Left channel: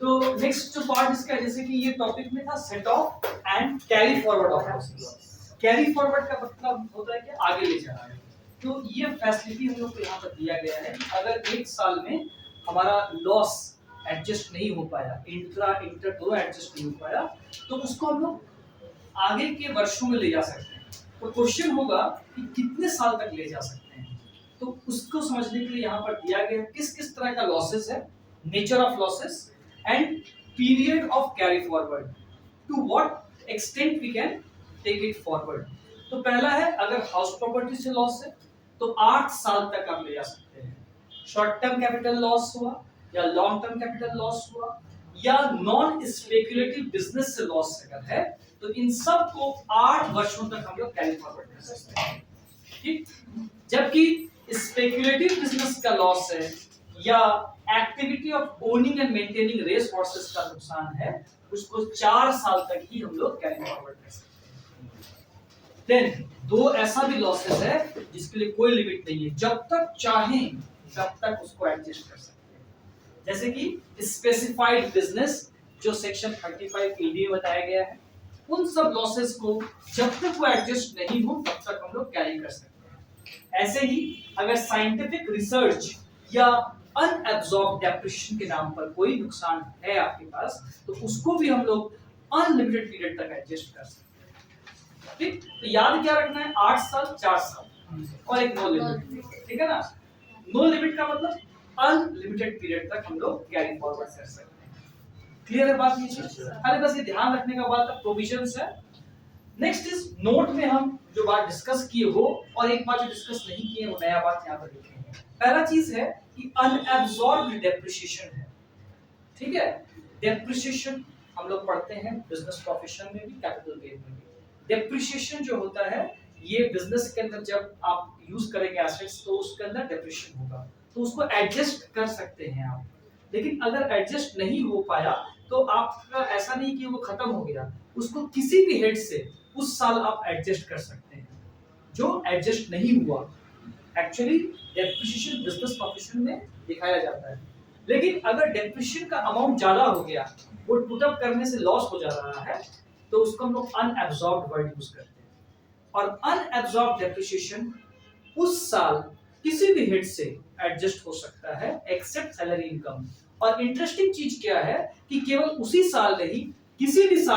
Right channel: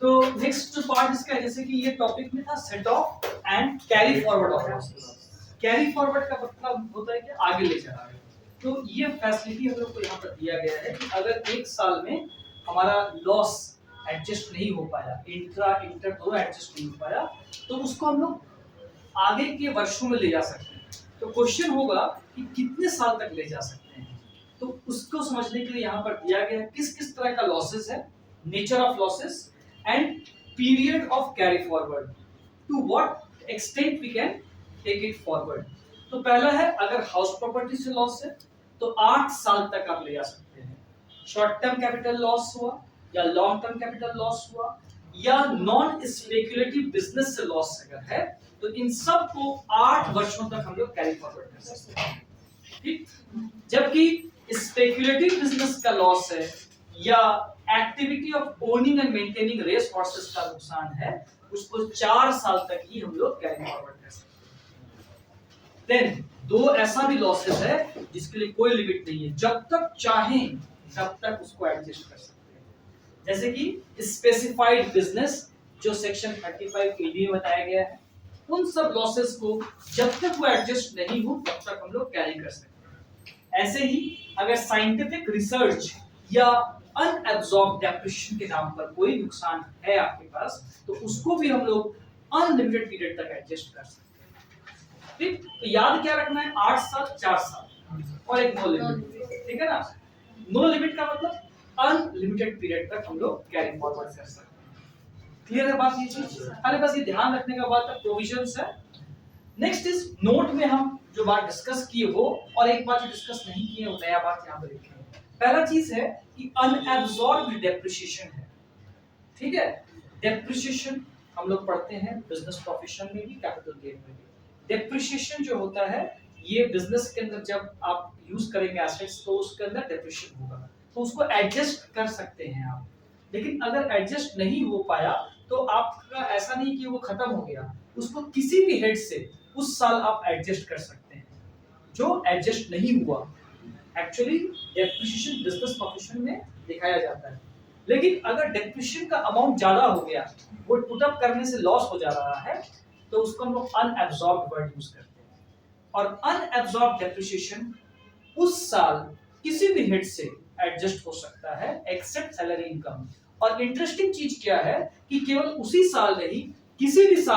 तो नेक्स्ट जो पार्ट इसका है, जैसे कि ये टॉपिक में था set of and carry forward of losses. Carry forward का मतलब होता है कि आगे ले जाना। तो ये फैसिलिटी हम लोग को यहाँ पर दिया गया है कि अगर एक साल में हमारा लॉस एडजस्ट नहीं हो पाया, इंटर दोनों एडजस्ट नहीं हो पाया, तो उसको हम लोग आगे के वर्षों में ले जा सकते हैं। तो क्वेश्चन होगा कि कितने साल तक ले जा सकते हैं, तो उसको समझने के लिए यहाँ पर दिया गया है किस किस तरह का लॉसेस है, nature of losses and period of carry forward, to what extent we can take it forward. तो पहला है, अगर हाउस प्रॉपर्टी से लॉस है तो 8 साल तक आप ले जा सकते हैं। शॉर्ट टर्म कैपिटल लॉस हुआ या लॉन्ग टर्म कैपिटल लॉस हुआ या नॉन स्पेक्युलेटिव बिजनेस से लॉस अगर है, तो इन सब को 8 वर्षों तक हम लोग कैरी फॉरवर्ड कर सकते हैं। ठीक, जबकि स्पेक्युलेटिव बिजनेस का लॉस है या activity of owning and maintaining race horses का नुकसान है, उसको 4 साल तक ही हम लोग कैरी फॉरवर्ड कर सकते हैं। देन दो ऐसा भी लॉसेस है जिसके लिए कोई लिमिट नहीं है, जब तक चाहें तब तक उसको एडजस्ट कर सकते हैं। जैसे कि स्पेसिफाइड बिजनेस जो सेक्शन 35 एडी में बताया गया है, उन सब लॉसेस को जब तक वो एडजस्ट नहीं हो तब तक हम लोग कैरी कर सकते हैं। ऐसे ही अगर साइंटिफिक रिसर्च या अनएब्सॉर्ब डेप्रिसिएशन के नाम पर कोई नुकसान है आपके पास, तो उसको भी हम लोग अनलिमिटेड पीरियड तक एडजस्ट कर सकते हैं। ठीक, तो याद क्या रखना है, 8 साल, 4 साल और एक नो लिमिट। ठीक है ना, नो लिमिट का मतलब अनलिमिटेड पीरियड तक हम लोग कैरी फॉरवर्ड कर सकते हैं। क्लियर है बात ये चीज? अरे बस ये ध्यान रखने का बात है, प्रोविजंस है। नेक्स्ट इज नोट में हम जो बात डिस्कस किए हो और एक बात जो डिस्कस नहीं किए वो नया बात यहाँ पर लिखे हैं। पहला चीज है कि अनएब्सॉर्ब्ड डेप्रिसिएशन है। ठीक है, डेप्रिसिएशन हम लोग पढ़ते हैं बिजनेस प्रोफेशन में भी, कैपिटल गेन में भी। डेप्रिसिएशन जो होता है ये बिजनेस के अंदर जब आप यूज करेंगे एसेट्स तो उसके अंदर डेप्रिसिएशन होगा, तो उसको एडजस्ट कर सकते हैं आप। लेकिन अगर एडजस्ट नहीं हो पाया तो आपका ऐसा नहीं कि वो खत्म हो गया, उसको किसी भी हेड से उस साल आप एडजस्ट कर सकते हैं। जो एडजस्ट नहीं हुआ, एक्चुअली डेप्रिसिएशन बिजनेस प्रोफेशन में दिखाया जाता है। लेकिन अगर डेप्रिसिएशन का अमाउंट ज्यादा हो गया, वो पुट अप करने से लॉस हो जा रहा है, तो उसको हम लोग अनएब्सॉर्ब्ड वर्ड यूज करते हैं। और अनएब्सॉर्ब्ड डेप्रिसिएशन उस साल किसी भी हेड से एडजस्ट हो सकता है एक्सेप्ट सैलरी इनकम। और इंटरेस्टिंग चीज क्या है कि केवल उसी साल नहीं, किसी भी साल